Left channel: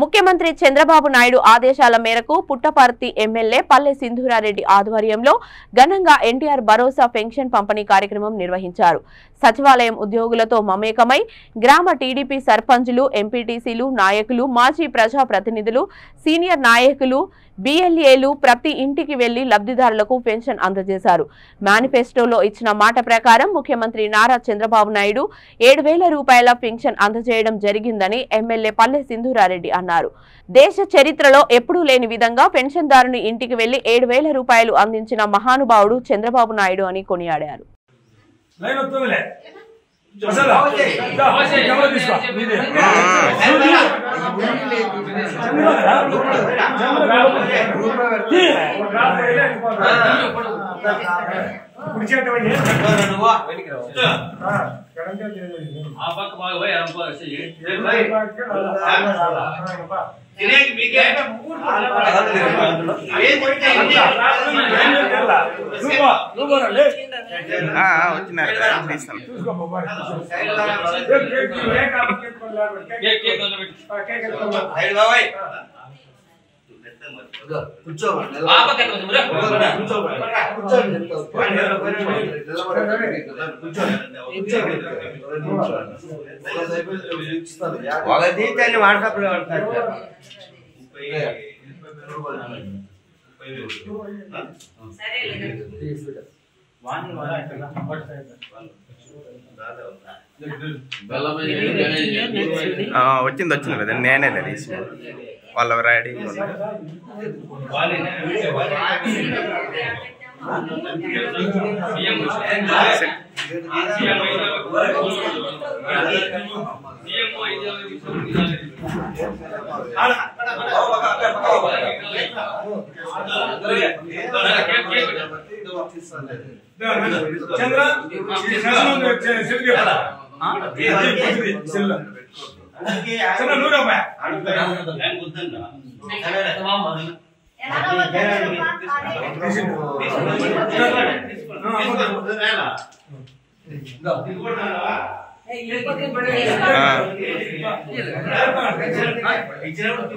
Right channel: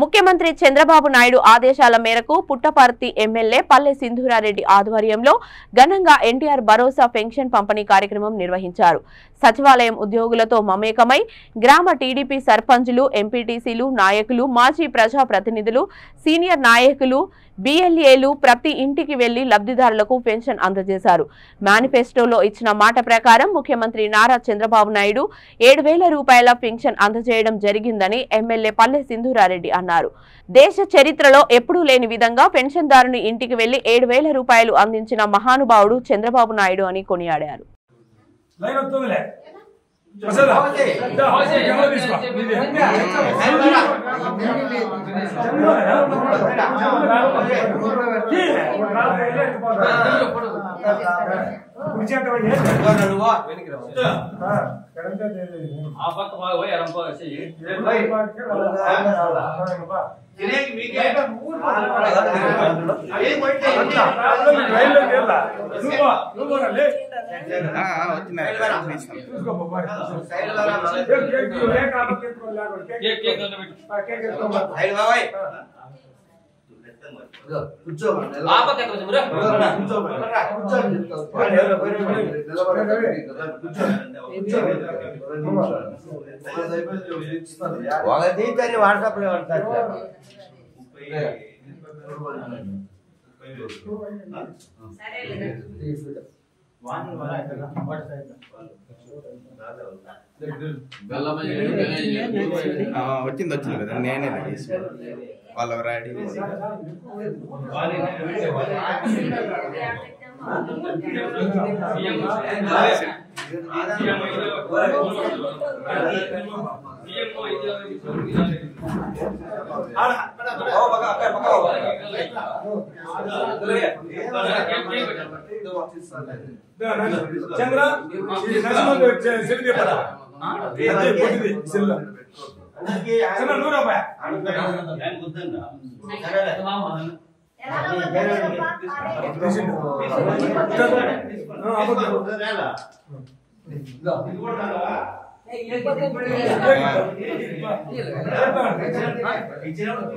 ముఖ్యమంత్రి చంద్రబాబు నాయుడు ఆదేశాల మేరకు పుట్టపర్తి ఎమ్మెల్యే పల్లె సింధూరారెడ్డి ఆధ్వర్యంలో ఘనంగా ఎన్టీఆర్ భరోసా పెన్షన్ పంపిణీ కార్యక్రమం నిర్వహించారు. సచివాలయం ఉద్యోగులతో మమేకమై గ్రామ టీడీపీ సర్పంచులు, ఎంపీటీసీలు, నాయకులు, మాజీ ప్రజా ప్రతినిధులు, సీనియర్ నాయకులు, బిఎల్ఏలు ప్రతి ఇంటికి వెళ్లి లబ్ధిదారులకు పెన్షన్ అందజేశారు. మేనిఫెస్టోలో ఇచ్చిన మాట ప్రకారం ముఖ్యమంత్రి నారా చంద్రబాబు నాయుడు 7,000 రూపాయల పెన్షన్ అందజేయడం జరిగిందని ఎమ్మెల్యే పల్లె సింధూరారెడ్డి అన్నారు. దేశ చరిత్రలో ఎప్పుడూ లేని విధంగా పెన్షన్దారుని ఇంటికి వెళ్లి 7,000 రూపాయలు అందించిన మహానుభావుడు చంద్రబాబు నాయుడు అని కొనియాడారు. వాట్సాప్ లో వచ్చింది కదా నేనే లేదు వాళ్ళ రెడీ ఇచ్చినప్పుడు